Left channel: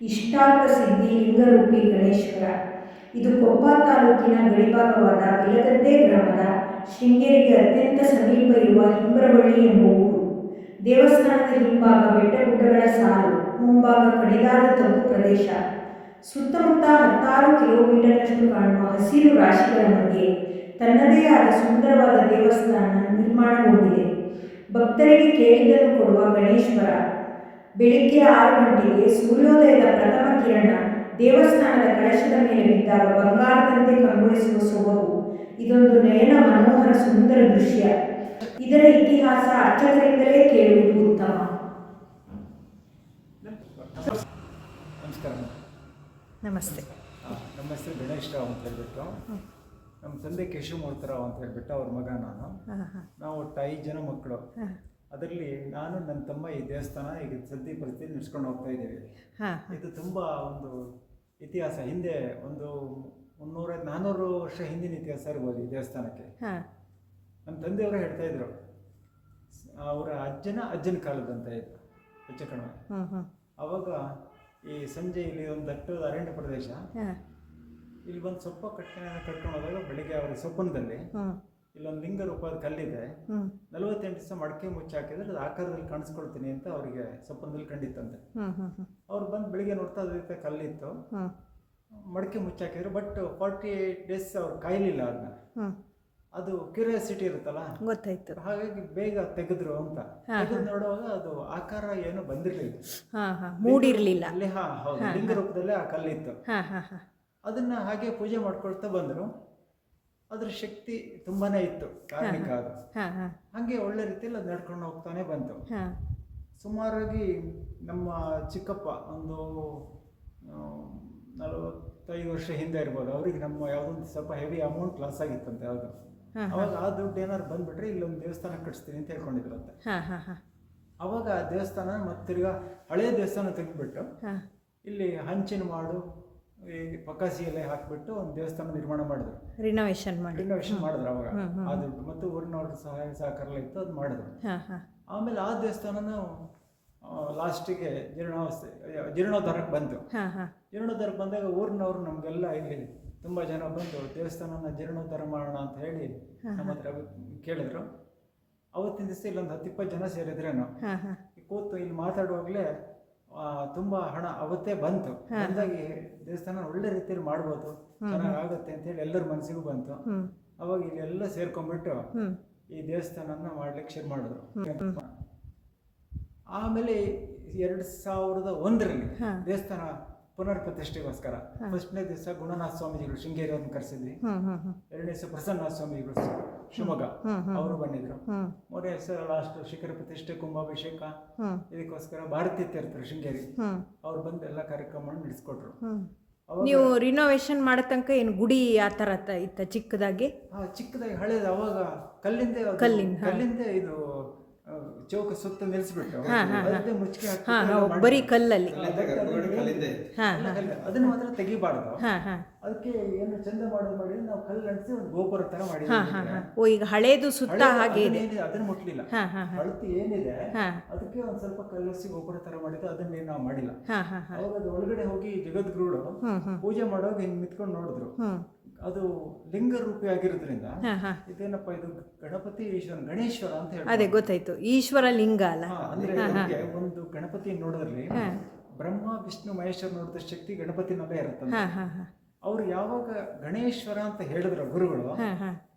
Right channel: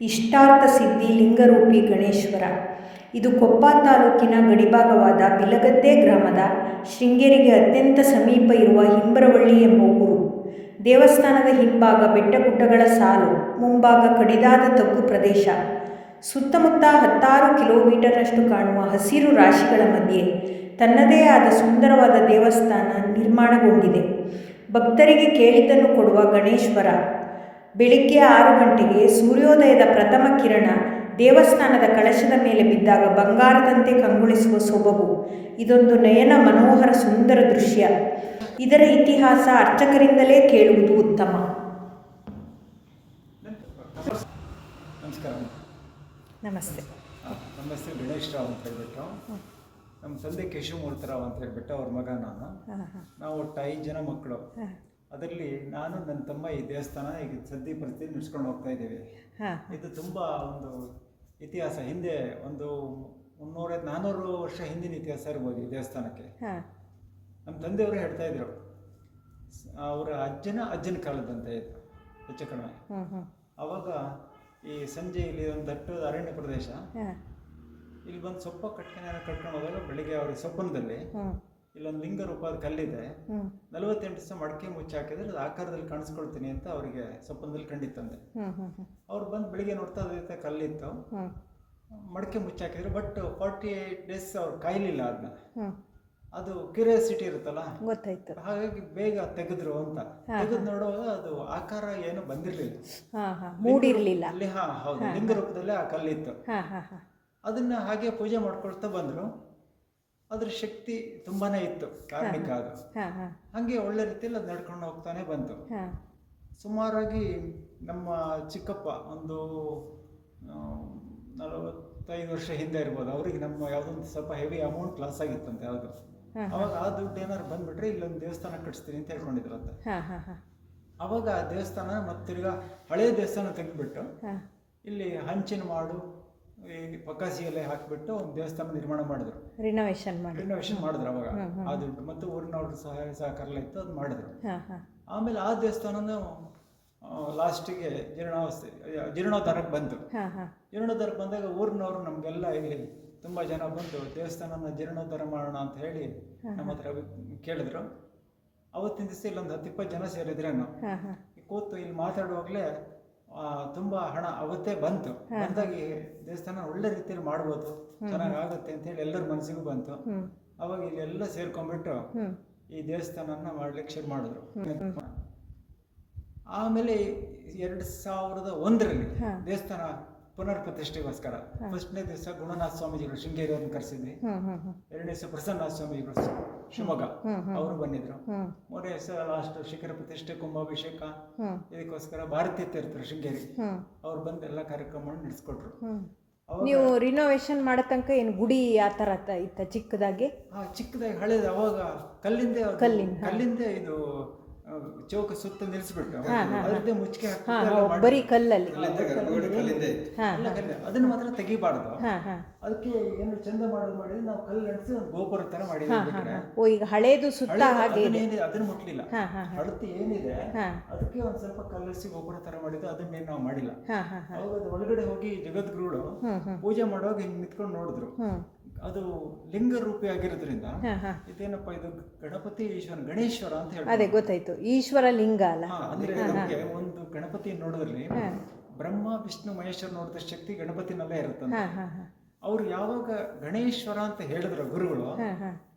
ಇಷ್ಟಾರ್ಥ ಸಿದ್ಧಿ ಲಿಂಗರೂಪಿ ಗಣೇಶ್ವರ. ಇದು ಕೊಪ್ಪ ತಾಲೂಕಿನ ಗಡಿಭಾಗವಾದ ಬಿಲಗದ್ದೆ ಗ್ರಾಮದ ಶೃಂಗೇರಿಗೆ ಅತ್ಯಂತ ಸಮೀಪ ಇರುವ ಹಿಂಬರವಳ್ಳಿ ಎಂಬ ಊರು. ದೇವಸ್ಥಾನದ ಹಿಂಭಾಗ ಬೆಟ್ಟಗುಡ್ಡಗಳ ಸಾಲು, ಮುಂಭಾಗ ಕಡಿದಾದ ತಗ್ಗು ಪ್ರದೇಶ. ಸುತ್ತಮುತ್ತ 16 ಕಿಲೋಮೀಟರ್ನಷ್ಟು ಕಾಣುವ ಹಸಿರು ರಾಶಿಗಳ ಮಧ್ಯೆ ತನ್ನದೇ ಆದ ಸುಂದರವಾದ ದೇವಸ್ಥಾನ ನಿರ್ಮಾಣಗೊಂಡಿದೆ. ಭಕ್ತರಿಗೆ ಕೇಳಿದ್ದನ್ನು ಕೊಡುವ ಗಣೇಶ್ವರ. ಬೆಳಿಗ್ಗೆ 6 ಗಂಟೆಗೆ ಸೂರ್ಯೋದಯದ ಪ್ರಥಮ ಕಿರಣ ದೇವಸ್ಥಾನದ ಕಳಶದ ಮೇಲೆ ಬಿದ್ದಾಗ ಬಂಗಾರದಂತೆ ಕಂಗೊಳಿಸುವ ಸೊಬಗು. ಇದೊಂದು ನಯನ ಮನೋಹರ ಸುಂದರ ದೃಶ್ಯ. ಇದರ ಇತಿಹಾಸ ಅರ್ಚಕರಿಂದಲೇ ಕೇಳುವುದು ಉತ್ತಮ. ನಮಸ್ಕಾರ. ನಮಸ್ತೆ. ನಮ್ಮ ಹೆಸರು ಗಣೇಶ್ ರಾವ್ ಅಂತ ಹೇಳ್ಬಿಟ್ಟು, ನಮ್ಮ ತಂದೆ ಕೇಶವಮೂರ್ತರಾವ್ ಅಂತ ಹೇಳ್ಬಿಟ್ಟು ಅವ್ರ ಮಗ ನಾನು. ನಾವು ಒಟ್ಟು 5 ಜನ ಮಕ್ಕಳು. ಅದರಲ್ಲಿ ನಾನು ನನ್ನ ತಮ್ಮ ಈ ದೇವಸ್ಥಾನ ಈಗ ಸದ್ಯ ಪರಿಸ್ಥಿತಿ ನಡೆಸ್ಕೊಂಡು ಹೋಗ್ತಾ ಇದ್ದೀವಿ. ಇದು ತುಂಬ ಒಂದು ಇತಿಹಾಸ, ಹಿಂದೆ ಒಂದು 300-400 ವರ್ಷ ಹಿಂದಿನ ಇತಿಹಾಸ ಇರ್ಬೋದು ಈ ದೇವಸ್ಥಾನಕ್ಕೆ. ನಮ್ಮ ತಂದೆಯವರು ಹೇಳ್ತಾ ಇದ್ರು, ಅವರ ಅಜ್ಜನ ಕಾಲದಂತ ಇದು ಹೆಚ್ಚು ಕಡಿಮೆ. ಅವಾಗ ಈ ಸಂಜೆ ಇಲ್ಲಿ ಒಂದು ದಟ್ಟದ ಅರಣ್ಯ ಪ್ರದೇಶ, ಇಲ್ಲಿ ಬಂದು ಸೊಪ್ಪ ಕಟ್ಕೊಂಡು ಹೋದಾಗ ಬೆಳಿಗ್ಗೆ ಅವ್ರಿಗೆ ಸೊಪ್ಪನದಲ್ಲಿ ಇಲ್ಲೊಂದು ಲಿಂಗ ರೂಪದ ಕಲ್ಲಿದೆ, 48 ದಿವಸ ಮಡಕೆ ಮುಚ್ಚಾಕಿದ್ರೆ ಅದು ಆಕಾರದಲ್ಲಿ ಕಾಣಿಸ್ಕೊಳ್ತೀನಿ ಅಂತ ಅವರಿಗೆ ಸ್ವಪ್ನದಲ್ಲಿ ಕಂಡಿತ್ತಂತೆ. ಅವ್ರು ಬಂದು ಬೆಳಿಗ್ಗೆ ನೋಡ್ತಾ ಅದೇ ಕಲ್ಲಿತ್ತು, ಮಡಕೆ ಮುಚ್ಚಾಕಿದ್ರು. ಬಟ್ 48 ಡೇಸ್ ಅವ್ರು ಕಾಯಲಿಲ್ಲ ಅದನ್ನ. ಅದು ಕ್ಯೂರಿಯಾಸಿಟಿ ಇರುತ್ತಲ್ಲ, ಗೊತ್ತಾಯ್ತು, ಹಾಗಾಗಿ ಬೇಗ ತೆಗೆದ್ರು ಅಂತ. ತೆಗೆದು ನೋಡುವಾಗ ಅದು ಆಕಾರ ಏನು ಬಂದಿರಲಿಲ್ಲ, ಮೂಡಿರಲಿಲ್ಲ ಅಲ್ಲಿ. ಹೌದು, ಲಿಂಗ ರೂಪದಲ್ಲೇ ಆ ಕಲ್ಲಿತ್ತು. ಅದನ್ನ ಹಾಗೆ ಪೂಜೆ ಮಾಡ್ಕೊಳ್ತಾ ಬಂದರು. ಅದ್ರ ಶಕ್ತಿ ತುಂಬಾನೇ ಇತ್ತು, ಕಾರಣಿಕ ಅದು. ಹಾಗೆ ಒಳ್ಳೆ ರೀತಿಯಲ್ಲಿ ಅದು ನಡ್ಕೊಂಡು ಹೋಗ್ತಾನೆ ಬಂತು. ಸುಮಾರಾಗಿ ನಮ್ಮ ಚಿಕ್ಕಪ್ಪ ಒಂದು 45 ವರ್ಷ ಹಿಂದೆ ಇರ್ಬೋದು, ಅವ್ರಿಗೆ ನಮ್ಮ ಯಾವುದೊಂದು ಸ್ವಲ್ಪ ಹೆವಿ ಅಮೌಂಟ್ ಲಾಸ್ ಆಗಿತ್ತಂತೆ ಯಾವುದು. ಅವಾಗ ಆ ದುಡ್ಡು ಏನಾದ್ರು ಬಂದ್ಬಿಟ್ರೆ ಇಲ್ಲೊಂದು ದೇವಸ್ಥಾನ ಕಟ್ಸ್ತೀನಿ ಅಂತ ಹೇಳ್ಕೊಂಡಿದ್ರಂತೆ. ಅವಾಗ ಆ ದೇವಸ್ಥಾನ ಮತ್ತೆ ತಿರ್ಗಾ ಹಳೆ ದೇವಸ್ಥಾನ ತೆಗೆದ್ಬಿಟ್ಟು ಇಲ್ಲಿ ಹಂಚಿನ ಮಾಡು, ಈ ಪಕ್ಕಾಸಿ ಎಲೆ ಹಾಕಿಬಿಟ್ಟು ಒಂದು ದೇವಸ್ಥಾನ ನಿರ್ಮಾಣ ಮಾಡಿದ್ರು, ರಿನೋವೇಷನ್ ಮಾಡಿದ್ರು. ಅವಾಗ ಆ ದುಡ್ಡು ಮತ್ತು ಊರಿನವ್ರ ಸಹಾಯ ಸಹಕಾರ ಇತ್ತು, ಅದು ಮಾಡಿದ್ರು. ಆಮೇಲೆ ಆ ದೇವಸ್ಥಾನನೂ ಲಾಸ್ಟಿಗೆ ಜೀರ್ಣೋದ್ಧಾರಕ್ಕೆ ಬಂತು. ಜೀರ್ಣೋದ್ಧಾರಕ್ಕೆ ಬಂದಾಗ ಊರಿನವ್ರು ನಮಗೆಲ್ಲ ಇಲ್ಲಿ ತುಂಬ ಜನ ಬಂದು ದೇವಸ್ಥಾನನ ಜೀರ್ಣೋದ್ಧಾರ ಮಾಡೋಣ ಅಂತ ಹೇಳಿ ನಮ್ಮ ಹತ್ರ ಕೇಳಿದ್ರು. ಅವತ್ತಿನ ದಿವಸ ಇಲ್ಲೊಂದು 10-20 ಜನ ಸೇರಿದ್ರೇನು, ಕೂತು ಇಲ್ಲಿ ಮಾತಾಡುವಾಗಲೇ ತುಂಬ ಹಣ ಅವತ್ತೇ ಬಂತು. ಬಂದಾಗಿ ದೇವಸ್ಥಾನ ಒಳ್ಳೆ ರೀತಿಯಲ್ಲಿ ಮಾಡ್ಬೋದು, ಚೆನ್ನಾಗಿ ಆಗುತ್ತೆ ಅಂತ ಹೇಳಿ ಎಲ್ಲರ ಮನಸ್ಸಿಗೂ ಬಂತು. ಅವಾಗ ಇಲ್ಲಿ ಎಲ್ಲ ಸೇರ್ಕೊಂಡ್ಬಿಟ್ಟು ಈ ದೇವಸ್ಥಾನನ ಮಾಡ್ಲಿಕ್ಕೆ ಶುರು ಮಾಡಿದ್ರು. ಆಮೇಲೆ 2001ರಲ್ಲಿ ದೇವಸ್ಥಾನ ಪುನರ್ ಪ್ರತಿಷ್ಠೆಗೋಸ್ಕರ ಫಸ್ಟ್ನೇ ದಿವಸ ಗುಣನಾಥ ಸ್ವಾಮೀಜಿಗಳು ಶೃಂಗೇರಿಯನ್ನು ಕರೆಸಿದ್ವಿ. 2ನೇ ದಿವಸ ಪ್ರಸನ್ನನಾಥ ಸ್ವಾಮೀಜಿಗಳು ಶಿವಮೊಗ್ಗ ಅವರು ಬಂದಿದ್ರು. 3ನೇ ದಿವಸ ಲಾಸ್ಟ್ ಶಿಖರ ಪ್ರತಿಷ್ಠೆ, ಕುಂಭಾಭಿಷೇಕ, ಇದಕ್ಕೋಸ್ಕರ ಭಾರತೀಯ ತೀರ್ಥರು ಶೃಂಗೇರಿ ಅವ್ರು ಬಂದು ಎಲ್ಲ ಕಾರ್ಯಕ್ರಮವನ್ನು ನಡೆಸ್ಕೊಟ್ರು. ನೀವು ರಿನೋವೇಷನ್ ಮಾಡೋ ತನಕ ಏನು ಗುಡಿ ಆ ಥರ ಇತ್ತ ಚಿಕ್ಕದಾಗಿ? ಚಿಕ್ಕದಾಗಿ ಹಳೇದು. ಅವಾಗ ಕಲ್ಲಿಂದ ಇದು ಚೌಕ ಸುತ್ತ ನಿಲ್ಲಿಸ್ಬಿಟ್ಟು ಅದೇ ಮುಚ್ಚಿಗೆ ಬರೀ ಕಲ್ಲಲ್ಲಿ ಅದನ್ನ ಮಾತ್ರ ತೆಗಿಬಾರ್ದು. ಅದಕ್ಕೆ ಏನು ಚಂದ ಮಾಡಿ ನಾವು ಕಲ್ಲು ನಡೆಸಿ ಒಂದು ಗೋಪುರ ತರ ಮಾಡಿದ್ವಿ. ಈಗ ಹಳೇದು ಸುತ್ತ ಹಾಗೆ ಅದನ್ನ ಮುಟ್ಲಿಲ್ಲ. ಹಳತಿ ಏನಿದೆ ಅದಕ್ಕೆ ಒಂದ್ ಸ್ವಲ್ಪ ಕಲ್ಲಿಸಿ ಗೋಪುರ ತರ ಮಾಡಿದ್ದು, ಅದನ್ನೇನು ನಾವು ಮಾಡಿಲ್ಲ. ಅವಾಗ ಅದು ಒಳಗಡೆ ಹೋಗಿ ಜಗದ್ಗುರುಗಳು ಪೂಜೆ ಮಾಡುವಾಗ ಹಿಂಗ್ ನಿಂತ್ಕೊಂಡು ನೋಡಿದ್ರು. ಅದು ಲಿಂಗ ರೂಪಿ ಆಗಿರೋದ್ರಿಂದ ಇದೇನಪ್ಪ ಇದು ಗಣಪತಿ ಈಶ್ವರ ಗಣೇಶ್ವರ ಅಂತ ಹೇಳಿ. ಅದೇ ಗೊತ್ತಾಯ್ತು, ಈಶ್ವರ ಲಿಂಗ ಅಲ್ಲ. ಅಂದ್ರೆ ಒಂದು ಗಣಪತಿ ನೋಡೋದ್ರಲ್ಲಿ ಬ್ರಹ್ಮ ವಿಷ್ಣು ಮಹೇಶ್ವರ ನೋಡಿದ ಶಕ್ತಿ ಗಣಪತಿನಲ್ಲೇ ಇರುತ್ತೆ. ಅವ್ರು ಯಾವಾಗ ಗಣೇಶ್ವರ ಅಂತ ಹೇಳಿದ್ರು ಗುರುಗಳು,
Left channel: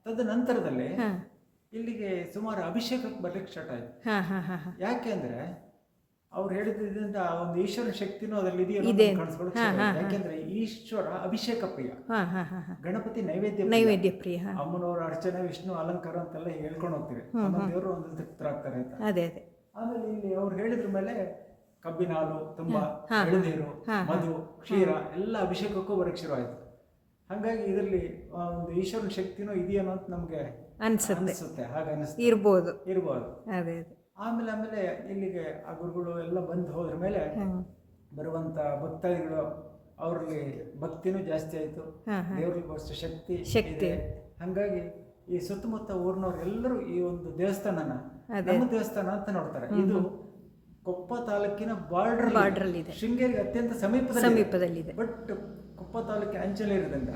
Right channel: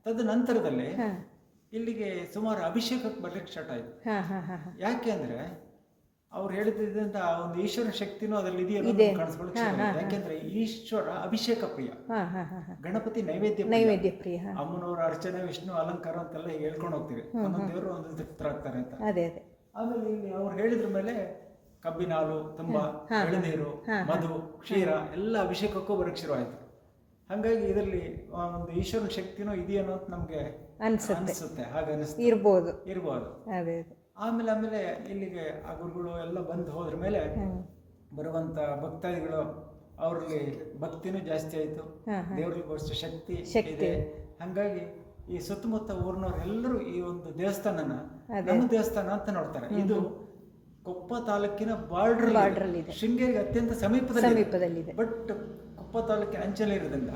ತದ ನಂತರದಲ್ಲಿ ಇಲ್ಲಿಗೆ ಸುಮಾರು ಅಭಿಷೇಕಕ್ಕೆ ಬರ್ಲಿಕ್ಕೆ ಸ್ಟಾರ್ಟ್ ಆಯ್ತು. ಯಾಕೆ ಅಂದ್ರೆ ಅವ್ರು ಹೇಳಿದ್ರಿಂದ ಒಂದು ಈಶ್ವರ ಶಕ್ತಿನೂ ಅದರಲ್ಲಿ ಇದೆಯಲ್ಲ ಕಾಣಿಸ್ಕೊಳ್ಳಿ. ಯಾಕೆಂದ್ರೆ ಈಶ್ವರ ಅಭಿಷೇಕ ಪ್ರಿಯ, ಗಣಪತಿ ನೈವೇದ್ಯ ಪ್ರಿಯ. ಅಮ್ಮನವ್ರ ಅರ್ಚನೆ, ವಿಷ್ಣು ಅಲಂಕಾರ ಅಂತೆಲ್ಲ ಹೇಳ್ಕೊಂಡು ಹೋಗ್ತೀವಿ. ಒಂದೊಂದು ದೇವರು ಒಂದೊಂದು ತೃಪ್ತರಾಗ್ತಾರೆ ಅಂತ. ಆಮೇಲೆ ಇಲ್ಲಿ ಅವ್ರು ಹೇಳಿದ್ರ ಮೇಲೆ ಕಬ್ಬಿನ ಹಾಲು, ತುಂಬಾ ಎಳನೀರು, ಮಧು, ಕ್ಷೀರ ಎಲ್ಲ ಅಭಿಷೇಕಕ್ಕೂ ಬರಕ್ಕೆ ಶುರು ಆಯ್ತು. ಹಾಗಾಗಿ ಇದರಲ್ಲಿ ಒಂದು ಈಶ್ವರನ ಶಕ್ತಿನೂ ಇದೆಯೇನೋ ಅಂತ ನಮ್ಗೆ ಅನ್ಸುತ್ತೆ. ಹಾಗೆ ಇರ್ಬೋದು. ಆಮೇಲೆ ಇಲ್ಲಿಗೆ ಆ ಗುರುಗಳು ಎಲ್ಲ ಬಂದು ಹೋದ್ರ ಮೇಲೆ ಬರುವಂತ ಭಕ್ತಾದಿಗಳು ಅವರಲ್ಲಿ ಭಕ್ತಿನೂ ಜಾಸ್ತಿ ಆಯ್ತು, ದೇವ್ರಿಗೋಸ್ಕರ ಶಕ್ತಿ ಇದೆ. ಹಂಗಾಗಿ ಈ ಸುತ್ತಮುತ್ತ ಊರಿನವ್ರು ಎಲ್ಲರೂ ಈ ಒಂದು ದೇವಸ್ಥಾನನ ನಮ್ಮ ದೇವಸ್ಥಾನ ಅಂತ ನೋಡ್ತಾರೆ. ಇದು ಕೊಪ್ಪ ತಾಲೂಕಿನ ಬಾರ್ಡರ್ ಬಾರ್ಡ್ರಲ್ಲಿದೆ, ಶೃಂಗೇರಿಗೆ ಅತ್ಯಂತ ಸಮೀಪದಲ್ಲಿದೆ. ಬಟ್ ಕೊಪ್ಪ ತಾಲೂಕಿನ ಅಂಚಲೆ ಇರೋದ್ರಿಂದ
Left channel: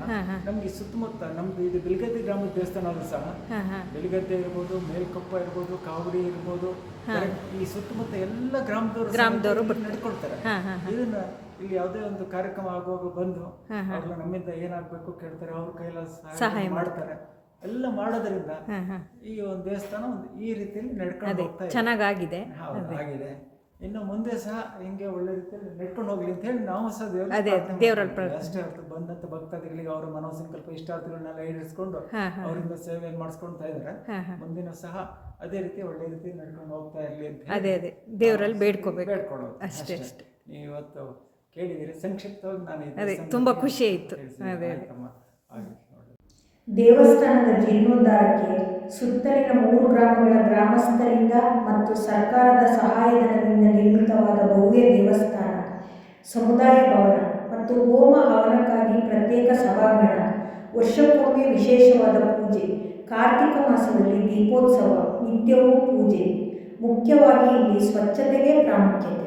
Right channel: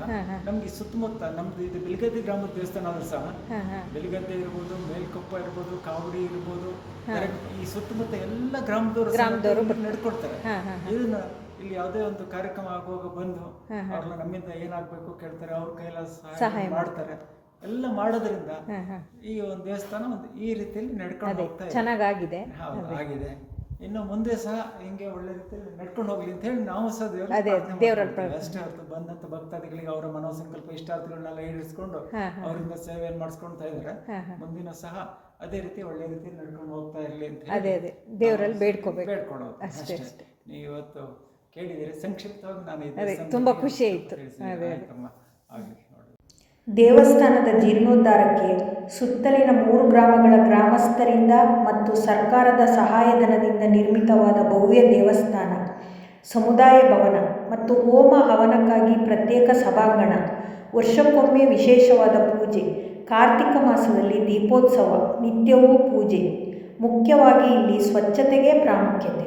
ನಮ್ಗೆ ಸುತ್ತಮುತ್ತ ನಮ್ದು ಇದು ಬಿಲ್ಗದ್ದೆ ಗ್ರಾಮದ ದೇವಸ್ಥಾನ ಆದ್ರೂ ಸಹ ಬಿಲ್ಗದ್ದೆ ಇರ್ಬೋದು, ಮೇಲ್ಕೊಪ್ಪ ಇರ್ಬೋದು, ಕಾವಡಿ ಇರ್ಬೋದು, ಈ ಸುತ್ತಮುತ್ತ ಎಲ್ಲ ಗ್ರಾಮದವರು ನಡ್ಕೊಡ್ತಾರೆ. ಇದನ್ನ ಇಲ್ಲಿ ಯಾವುದೇ ಒಂದು ಕಾರ್ಯಕ್ರಮ ಆಗುವಾಗ ಬಂದು ಅವ್ರನ್ನ ನಮ್ಮಿಂದ ಏನಾಗಬೇಕು ಕೇಳ್ತಾರೆ, ಅವ್ರ ಕೈಲ ಸಹಾಯ ಮಾಡ್ತಾರೆ. ಎಲ್ಲ ಮಾಡೋದ್ರಿಂದ ಈ ಒಂದು ದೇವಸ್ಥಾನ ಒಂದು ಈ ರೀತಿಯಲ್ಲಿ ನಡ್ಕೊಂಡು ಹೋಗ್ತಾ ಇದೆ. ಚೆನ್ನಾಗಿದೆ ಆಗಿದೆ. ಇನ್ನು ಮುಂದೆ ಸಹ ಹಿಂಗೆ ಒಳ್ಳೆ ರೀತಿಯಲ್ಲಿ ನಡ್ಕೊಂಡು ಹೋಗ್ಲಿ ಅಂತ ಹೇಳಿ ನಾವು ಸಹ ದೇವರಲ್ಲಿ ಅಷ್ಟೇ ಹೊರತು ಬಂದಂತ ಭಕ್ತಾದಿಗಳಿಗೆ ಅವರ ಮನೋಸಂಕಲ್ಪ ಇಷ್ಟಾರ್ಥಗಳನ್ನೆಲ್ಲ ಈಡೇರಿಸ್ಕೊಂಡು ಅವರಿಂದ ಸೇವೆಯನ್ನು ಮಾಡಿಸ್ಕೊಳ್ತಾ ಇದ್ದಾರೆ. ಮುಂದಿನ ಸಹ ಅದೇ ರೀತಿ ಒಳ್ಳೆ ರೀತಿ ನಡ್ಕೊಂಡು ಹೋಗ್ತಾ ಇರಲಿ ಅಂತ ಅದೇ ದೇವರಲ್ಲಿ ಬೇಡ್ಕೊಳ್ಳೋದು ಅಷ್ಟೇ. ನೀವು ಇವತ್ತು ಕೇಳಿದ್ದೀರಿ, ಸಂಕ್ಷಿಪ್ತವಾಗಿ ನಾನು ತುಂಬಾ ಖುಷಿ ಆಯಿತು. ದೇವಸ್ಥಾನದ ಜೀರ್ಣೋದ್ಧಾರಕ್ಕೆ ಸುತ್ತಲಿನ 3 ಗ್ರಾಮಗಳ ಗ್ರಾಮಸ್ಥರಿಂದ ಮತ್ತು ಸರ್ಕಾರದ ಸಹಾಯಧನದಿಂದ ನಿರ್ಮಿತವಾದ ಭವ್ಯ ದೇವಸ್ಥಾನ, ಸಮುದಾಯ ಭವನ ಮತ್ತು ಹೋಮ ಹವನಕ್ಕಾಗಿ ಪ್ರತ್ಯೇಕ ಸಭಾಂಗಣ, ವರ್ಷಕ್ಕೊಮ್ಮೆ ವಿಶೇಷವಾದ ಪೂಜೆ, ಕಾರ್ತಿಕ ಮಾಸದಲ್ಲಿ ದೀಪೋತ್ಸವ, ನಿತ್ಯವೂ ಪೂಜೆ. ಮುಖ್ಯವಾಗಿ ಇಲ್ಲಿ ಸ್ವಚ್ಛತೆಗೆ ಪ್ರಾಮುಖ್ಯತೆ.